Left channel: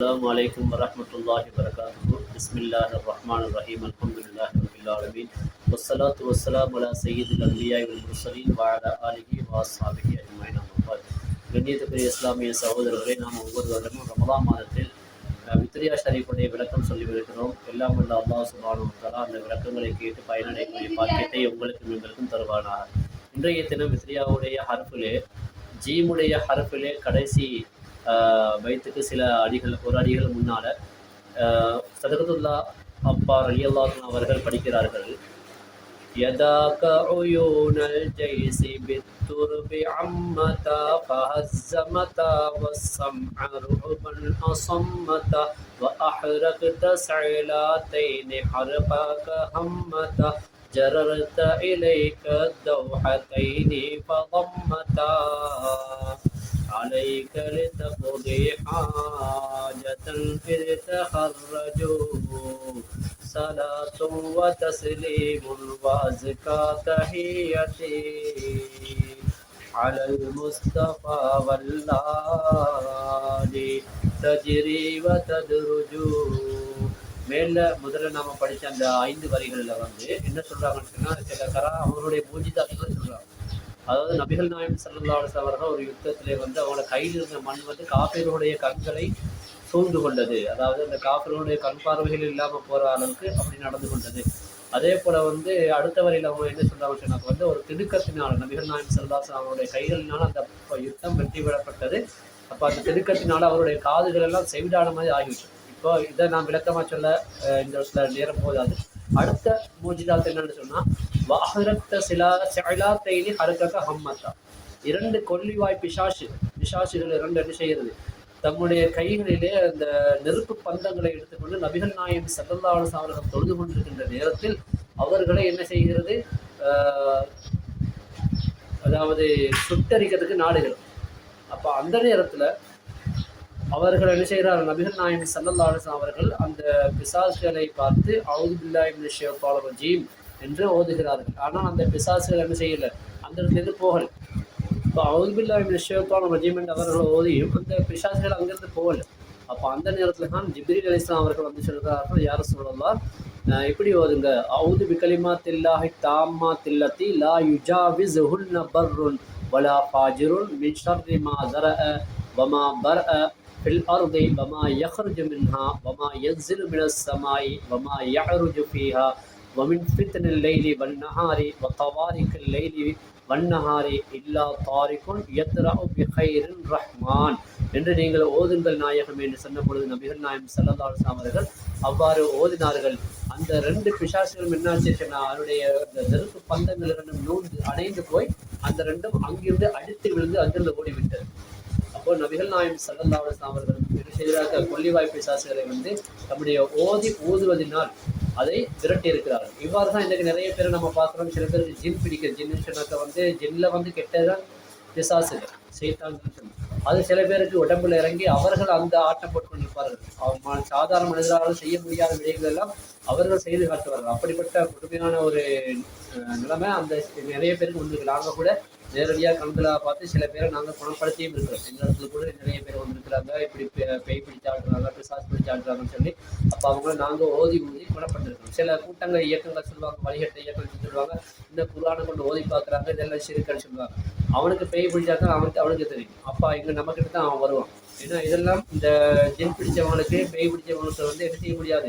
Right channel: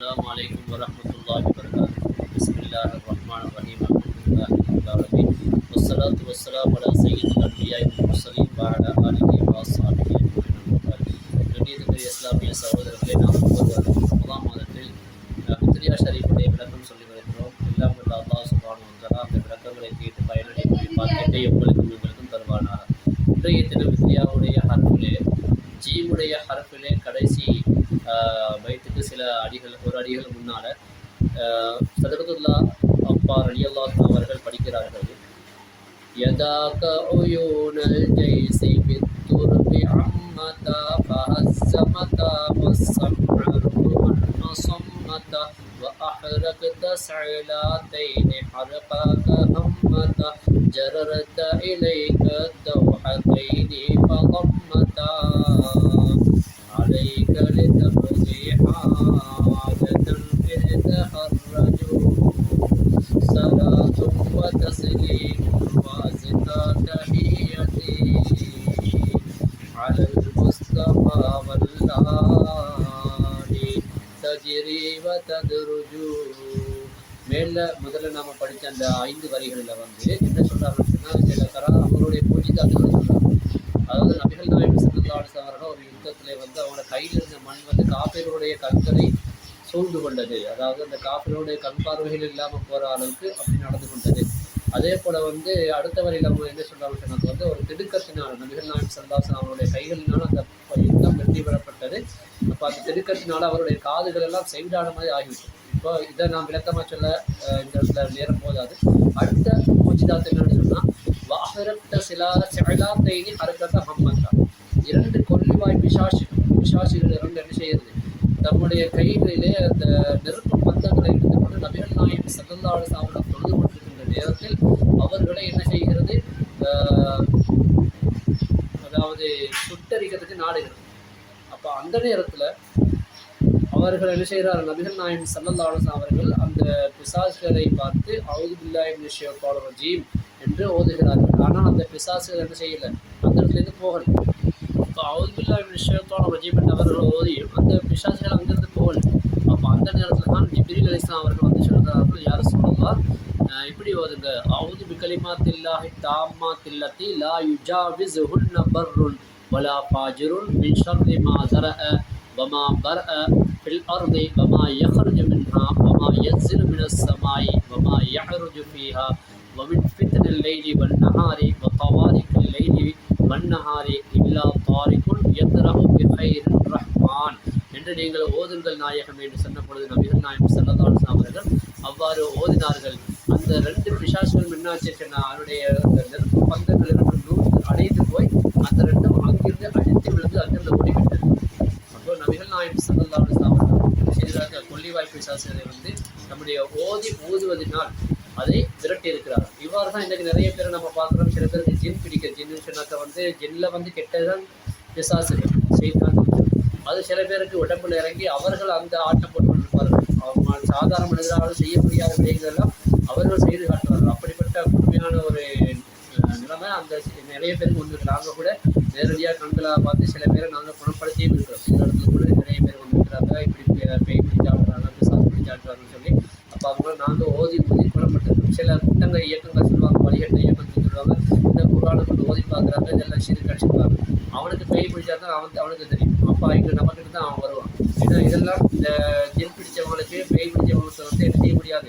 السلام عليكم ورحمة الله وبركاته. بسم الله الرحمن الرحيم. الحمد لله رب العالمين والصلاة والسلام على سيد الأنبياء والمرسلين وعلى آله وأصحابه أجمعين. أما بعد. கண்ணியத்துக்குரிய இஸ்லாமிய சகோதரர்களை நாம் ஒவ்வொரு வருடம் ரமலான் மாதத்தில் வித்ரியா ஷரீஃபுடைய விளக்கம் சொல்லி வருகிறோம். எல்லாம் உள்ள அல்லாஹ் சுப்ஹானஹு வ தஆலா அந்த விளக்கங்களை கேட்டு பயனடையக்கூடிய பாக்கியத்தை உங்களுக்கும் எங்களுக்கும் தருவானாக. இன்றைய தினம் வித்ரியாவுடைய ஹர்ஃபிலே ஜீமுடைய ஹர்ஃபிலே கடைசி பைத்துக்கு சில அடிகள் ஒரு அடிகள் முன்னால் சதகத்துல்லா அப்பா ரலியல்லாஹு அன்ஹு அவர்கள் படிக்கிறார்கள். يداك عيون الجيش بالترب عمتا فهزمتا والسمع روحا أصمتا وأحرقت سعلاتين حرقاك همتا جررت إليك الدوحتين فضمتا عليك لتقضي حاجة إذ تخرجوا صلاة وتسليم وأزكى تحيتي على المصطفى والآل تجري وتدرج. முதல்ல நாம படித்த அந்த 5 வரிகளில் என்ன சொல்றாங்கன்னு சொன்னால் சில அவருடைய பூஜிதாக்கள் சொல்றாங்க. அதாவது நபிகள் நாயகம் ஸல்லல்லாஹு அலைஹி வஸல்லம் அவர்கள் ஒரு யுத்தத்திலே அவங்களோட கையில் இருந்த மண் காபிர்களுடைய கண்களை சூழ்ந்து கொண்டது. அதாவது அந்த காபிர்களுடைய கண் பார்வைகள் இல்லாமல் போகிற அளவுக்கு அப்படி நடந்து கொண்டது. அதே போல் அடுத்த வரையில் அவங்க என்ன சொல்கிறாங்க சொன்னாங்க ஒரு திடுக்கத்தினால் நபிகள் நாயகம் ஸல்லல்லாஹு அலைஹி வஸல்லம் அவருடைய கைகளினால் அந்த யுத்தம் வெற்றி பெறப்பட்டது. அப்போ அந்த திடுக்கத்தினால் அவருடைய காதுகள் எல்லாம் செவிடான மாதிரி ஆகிவிட்டது. இப்போ இதை நான் விளக்கமாக சொல்ல இந்த இடத்துல நேரம் போதாது. அடுத்த மூஜிதாத் என்னன்னு சொன்னால் வாஹரத்த சிலாத்தைனி ஹரக்கக ஹம்மத்தா, 2 கொல்லிவாய் பிசாசுகள் 2 என்ன செய்கிறது, தம்முடைய கைகளிலே அந்த நெருப்பு பந்தங்களை எடுத்துக்கொண்டு நபிகள் நாயகம் ஸல்லல்லாஹு அலைஹி வஸல்லம் அவர்கள் தொழுது கொண்டிருக்கின்ற நேரத்தில் அவர்களை என்ன செய்கிறது, அதாவது சுட்டரிக்கிறதுக்கு நாடுகிறது. அப்போ அந்த நேரத்தில் அவர்கள் என்ன செய்கிறார்கள், நபிகள் நாயகம் ஸல்லல்லாஹு அலைஹி வஸல்லம் அவர்கள் அந்த பிசாசுகளை பார்த்து அஊது பில்லாஹி மினஷ் ஷைத்தானிர் ரஜீம் என்று ஓதுகிறார்கள். ஆனால் அந்த பிசாசுகள் என்ன செய்யலை, அந்த இடத்துலேருந்து போகலை. இப்போ அஊது பில்லாஹி மினஷ் ஷைத்தானிர் ரஜீம் என்று அவர்கள் ஓதியும் அந்த பிசாசுகள் அங்கிருந்து போகலை. அப்போ அந்த நேரத்தில் தான் ஜிப்ரீல் அலைஹிஸ்ஸலாம் அவர்கள் சொல்கிறார்கள், யா ரசூலல்லாஹ் இப்படி ஓதுங்க, அஊது பிகலிமாத்தில்லாஹி தாம்மாத்தில்லத்தி லா யுஜாவிஸுஹுன்ன பர்ருன் வலா ஃபாஜிருன் மின் ஷர்ரி மா ஸரஅ வமா பர்அ ஃபில் அர்தி வமா யஹ்ருஜு மின்ஹா வமா யன்ஸிலு மினஸ் ஸமாஇ வமா யஹ்ருஜு ஃபீஹா வமின் ஃபித்னில் லைலி வன்னஹாரி வதவாரிக்கல் லைலி வன்னஹாரி இல்லா தாரிகுன் யத்ரஹு பிகைரின் ரஹ்மான் என்று நீங்கள் ஓதுங்கள் நாயகம் என்று சொன்ன பொழுது நபிகள் நாயகம் ஸல்லல்லாஹு அலைஹி வஸல்லம் அவர்கள் அவ்வாறு ஓதினார்கள். அந்த 2 பிசாசுகளும் என்னாச்சு சொன்னால் அவருடைய நெருப்பு பந்தங்கள் 2 அணைந்து போய் அந்த 2ம் அங்கிருந்து அடித்து விழுந்து அங்கிருந்து ஓடிவிட்டது. அப்போ நபிகள் நாயகம் ஸல்லல்லாஹு அலைஹி வஸல்லம் அவர்கள் என்ன செய்கிறார்கள், கொல்லிவாய் பிசாசுகளை நம்முடைய ஊதுவதினால் அதை விரட்டி இருக்கிறார்கள். இவ்வாறு தான் இன்றைக்கு நிறைய பேரை நம்ம பார்க்குறோம். சில பேருக்கு ஜின் பிடிக்க, ஜின்னு சொன்னாக்க ஜின்னில் கெட்டதான் பிசாசுகள் செய்தான். அது சில பேருக்கு உடம்புல இறங்கி அவர்கள் அந்த ஆட்டம் போட்டு கொண்டிருப்பார்கள். அவங்க சாதாரண மனிதரால் செய்ய முடியாத விடயங்கள் எல்லாம் அவர்கள் செய்து காட்டுவார்கள். அப்படிப்பட்ட கொடுமையான ஒரு நிலைமை அந்த நிறைய பேருக்கு வந்திருக்கு. நாங்கள் கூட நேரடியாக கண்களாக பார்த்து சில பேரை நாங்கள் குணப்படுத்தியும் இருக்கிறோம். இந்த இடத்துல கூட நிறைய பேர் வந்திருக்கிறாங்க, இப்படி பேய் பிடிச்சி ஆடுறாங்க, பிசாசு பிடிச்சி ஆடுறாங்கன்னு சொல்லி. அப்போ அவங்கள நாங்கள் ஓதி குணப்படுத்திருக்கோம். சில கூட்டங்கள் இயக்கங்கள் சொல்லுவாங்க, வழிகட்ட இயக்கங்கள் சொல்லுவாங்க, இந்த குர்ஆனை கொண்டு ஓதி பார்க்குறாங்க, இதெல்லாம் ஷிர்க் அடிச்சுக்குவாங்க. அவனுக்கு பேய் பிடிச்சா தான் அவனுக்கு தெரியும். அப்போ இங்கே நம்மக்கிட்ட தான் அவன் வருவான். ஏன்னா இதெல்லாம் இந்த ஜின் பிடிச்சவங்களுக்கு பேய் பிடிச்சவங்களுக்கு என்ன செய்ய முடியாது,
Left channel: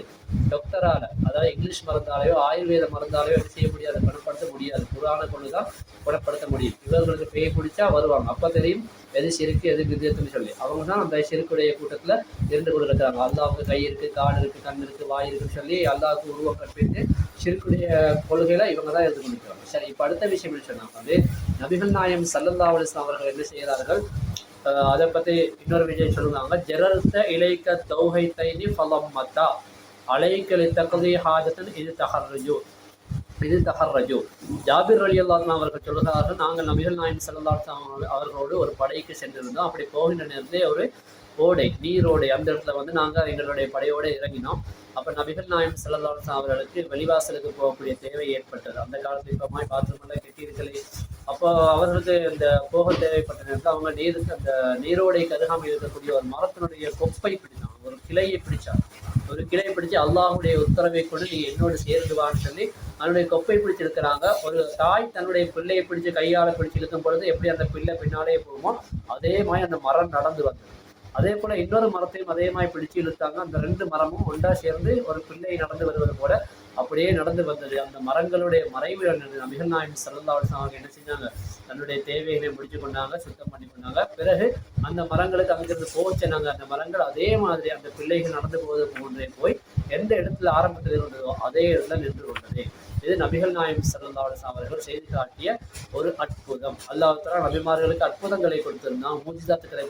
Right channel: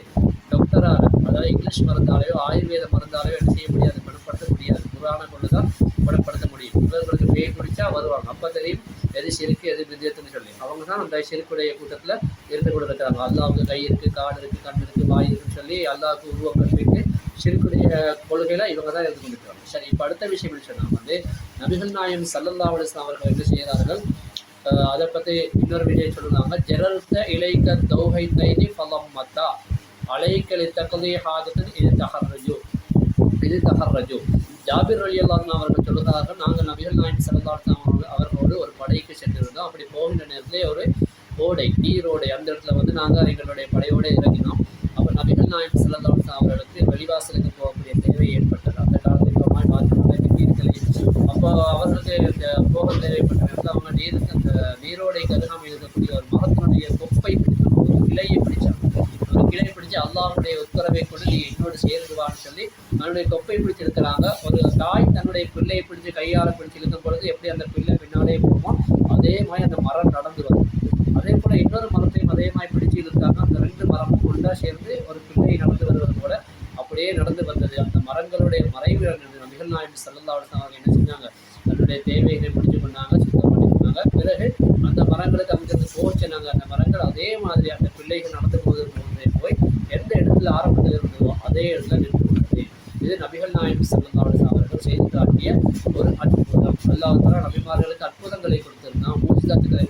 டாக்டரால் அதாவது இங்கிலீஷ் மருந்தாலேயோ ஆயுர்வேத மருந்தாலேயோ என்ன செய்ய முடியாது, குணப்படுத்த முடியாது. குர்ஆனை கொண்டு தான் குணப்படுத்த முடியும். இவர்களுக்கு பேய் பிடிச்சா வருவாங்க, அப்போ தெரியும் எது ஷிர்க் எது பித்அத்துன்னு சொல்லி. அவங்க தான் அந்த ஷிர்க்குடைய கூட்டத்தில் இருந்து கொண்டு இருக்கிறாங்க. அல்லாஹ்வுக்கு கை இருக்குது, கால் இருக்குது, கண் இருக்குது, வாய் இருக்குன்னு சொல்லி அல்லாஹ்வுக்கு உருவம் கற்பித்து ஷிர்க்குடைய கொள்கையில் இவங்க தான் இருந்து கொண்டு இருக்கிறாங்க. சரி, இப்போ அடுத்த விஷயம் என்ன சொன்னாங்க, நபிகள் நாயகம் ஸல்லல்லாஹு அலைஹி வஸல்லம் அவர்கள் என்ன செய்கிறார்கள், அதை பற்றி இன்னொரு விஷயம் சொல்லுவாங்க. ஜரர்த இலைக்க தௌஹைத்தைனி ஃபலம்மத்தா அலைக்கலி தக்தி ஹாஜத்தன் இது தஹர்ரஜு. ஜாபிர் ரலியல்லாஹு அன்ஹு அவர்கள் சொல்லுகிறார்கள், நாங்கள் நபிகள் நாயகம் ஸல்லல்லாஹு அலைஹி வஸல்லம் அவர்களோடு ஒரு படைக்கு சென்றிருந்தோம். அப்படி போகின்ற நேரத்திலே ஒரு ஓடை, நீரோடை, அந்த இடத்துல நாங்கள் எங்களுடைய படையோடு இறங்கினோம். அப்போ நபிகள் நாயகம் ஸல்லல்லாஹு அலைஹி வஸல்லம் அவர்களுக்கு வெளிவாசலுக்கு போகக்கூடிய தேவை ஏற்பட்டது. அந்த காலத்தில் இப்போ பாத்ரூம் கட்டியிருக்கலை. அப்போ அவர்களுக்கு இந்த போக தேவைப்பட்ட நேரத்தில் அவங்க அந்த நீரோடை கருகாமல் இருக்கக்கூடிய ஒரு மரத்தினுடைய கொப்பை பிடித்தாங்க. ஒரு கிளையை பிடிச்சாங்க. ஒரு கிளையை பிடிச்சு அல்லாஹுடைய உத்தரவை கொண்டு நீ என்னோடு சேர்ந்து வான்னு சொல்லி தன்னுடைய கொப்பை பிடிச்சிருக்கிறாங்க. ஒரு தாய் தன்னுடைய பிள்ளையை பிடிச்சு கையால் பிடிச்சு இழுக்கும் பொழுது எப்படி அந்த பிள்ளை பின்னாலே போகுமோ அதே மாதிரி அந்த மரம் நடந்து வருது. அதே போல் இன்னொரு மரத்தையும் அதே மாதிரி பிடிச்சு இழுத்தாங்க. அந்த 2 மரமும் ஒன்றா சேர்ந்து ஒரு பிள்ளை நடந்து வருவது போல அப்படியே நடந்து வந்தது. அந்த மரங்களுடைய மறைவு நபிகள் நாயகம் ஸல்லல்லாஹு அலைஹி வஸல்லம் அவங்க என்ன செஞ்சாங்க, தன்னுடைய தேவைகளை முடிச்சு கொண்டாங்க, சுத்தம் பண்ணி கொண்டாங்க. பிறகு அந்த மரங்களுக்கு அங்கிருந்து போக சொன்னாங்க. அந்த மரங்கள் அதே மாதிரி அந்த பிள்ளைகள் நடந்து போவது போன்றே போய் எந்த இடத்துல ஆரம்பத்தில் இருந்ததோ அதே இடத்துல நின்று கொண்டது. இது நபிகள் நாயகம் ஸல்லல்லாஹு அலைஹி வஸல்லம் அவர்கள் செய்து காட்டிய ஒரு அற்புதம். அல்லாஹ் தஆலா நபிமார்களுக்கு அற்புதங்களை கொடுத்திருந்தான், மூஜிசாத்துக்களை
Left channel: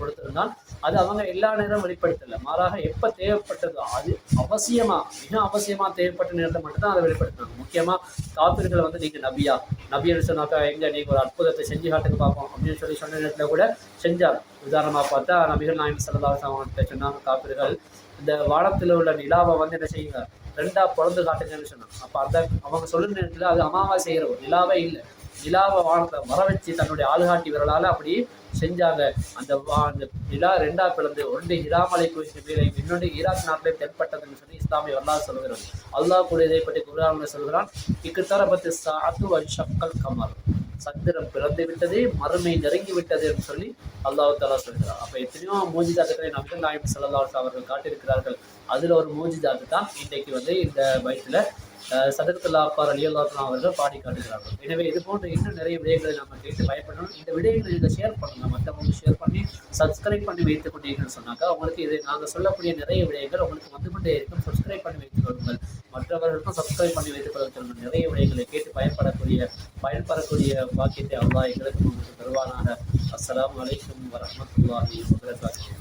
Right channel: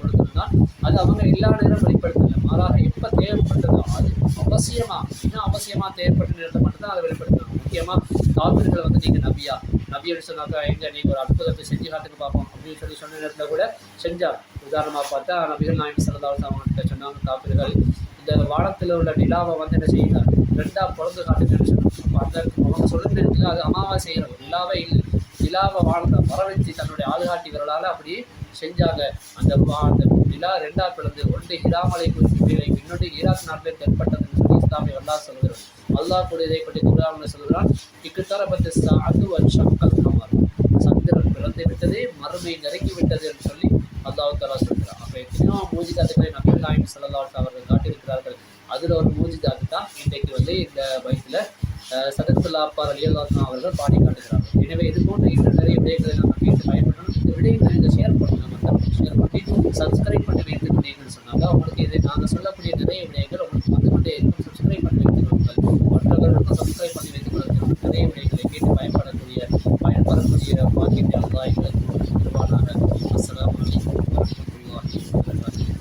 கொடுத்திருந்தான். அது அவங்க எல்லா நேரம் வெளிப்படுத்தல, மாறாக எப்போ தேவைப்பட்டதோ அது மிக அவசியமாக தேவைப்பட்ட நேரத்தை மட்டும்தான் அதை வெளிப்படுத்தினாங்க. முக்கியமாக காபிர்கள் வந்து நீங்கள் நபின்னு சொன்னாக்கா எங்கே நீங்கள் ஒரு அற்புதத்தை செஞ்சு காட்டுக்கு பார்ப்போம் அப்படின்னு சொல்லி சொன்ன நேரத்தில் கூட செஞ்சார். உதாரணமாக பார்த்தா நபிகள் நாயகம் ஸல்லல்லாஹு அலைஹி வஸல்லம் அவங்கள்ட்ட சொன்னாங்க காபிர்கள், இந்த வானத்தில் உள்ள நிலாவை வந்து என்ன செய்யுங்க, 2ஆக பிறந்து காட்டுங்கன்னு சொன்னாங்க. அப்போ அந்த அவங்க சொல்லுற நேரத்தில் அது அமாவாசை இரவு, நிலாவே இல்லை. நிலாவை வானத்தை வர வச்சு தன்னுடைய ஆளுகாட்டி விரலால் அப்படி செஞ்சாங்க. அந்த நிலா 2ஆக பிளந்து ஒன்று ஹிராமலை குறித்து மேலே இன்னொன்று ஈராக் நாட்டில் தென்பட்டதுன்னு சொல்லி இஸ்லாமிய வரலாறு சொல்கிறார். அல்லாஹ் கூட இதை பற்றி குர்ஆனில் சொல்கிறான், இக்குத்தரபத்து ஸாஅத்து வன்ஷக்கல் கமர், சந்திரன் பிறந்து விட்டது, மறுமை நெருங்கி விட்டது என்று சொல்லி அல்லாஹ் தஆலா சொல்கிறார். அப்போ எத்தனையோ மூஜிதாத்துக்களை நபிகள் நாயகம் ஸல்லல்லாஹு அலைஹி வஸல்லம் அவர்கள் காட்டியிருக்கிறார்கள். அதில் ஒரு மூஜிதாத்து தான் இன்றைக்கு வந்து இந்த பைத்தில் சதகத்துல் அப்பார் ரலியல்லாஹு அன்ஹு அவர்கள் பாடி காட்டுகிறார்கள். எனவே இது போன்ற இன்னும் நிறைய விடயங்களை நம்ம கேட்டு பயன்படணும். இந்த விடயங்களை நீங்கள் ஷேர் பண்ணுங்கள், மற்றவங்களுக்கு ஷேர் பண்ணி சப்ஸ்கிரைப் பண்ணி வைத்துக் கொண்டீங்கன்னு சொன்னாங்க உங்களுக்கு இது நாங்கள் சொல்லக்கூடிய நிறைய விடயங்கள் உங்களுக்கு வந்து கொண்டே இருக்கும். சப்ஸ்கிரைப் பண்ணி வைத்துக் கொள்ளுங்கள், மற்றவர்களுக்கும் சப்ஸ்கிரைப் பண்ணி வைத்துக் கொள்ளுங்கள். நிறைய விடயங்களை கேட்டு பயன்படக்கூடிய பாக்கியத்தை அல்லாஹ் எங்களுக்கு தருவானாக. அஸ்ஸலாமு அலைக்கும் வரஹ்மத்துல்லாஹி வபரகாத்துஹு.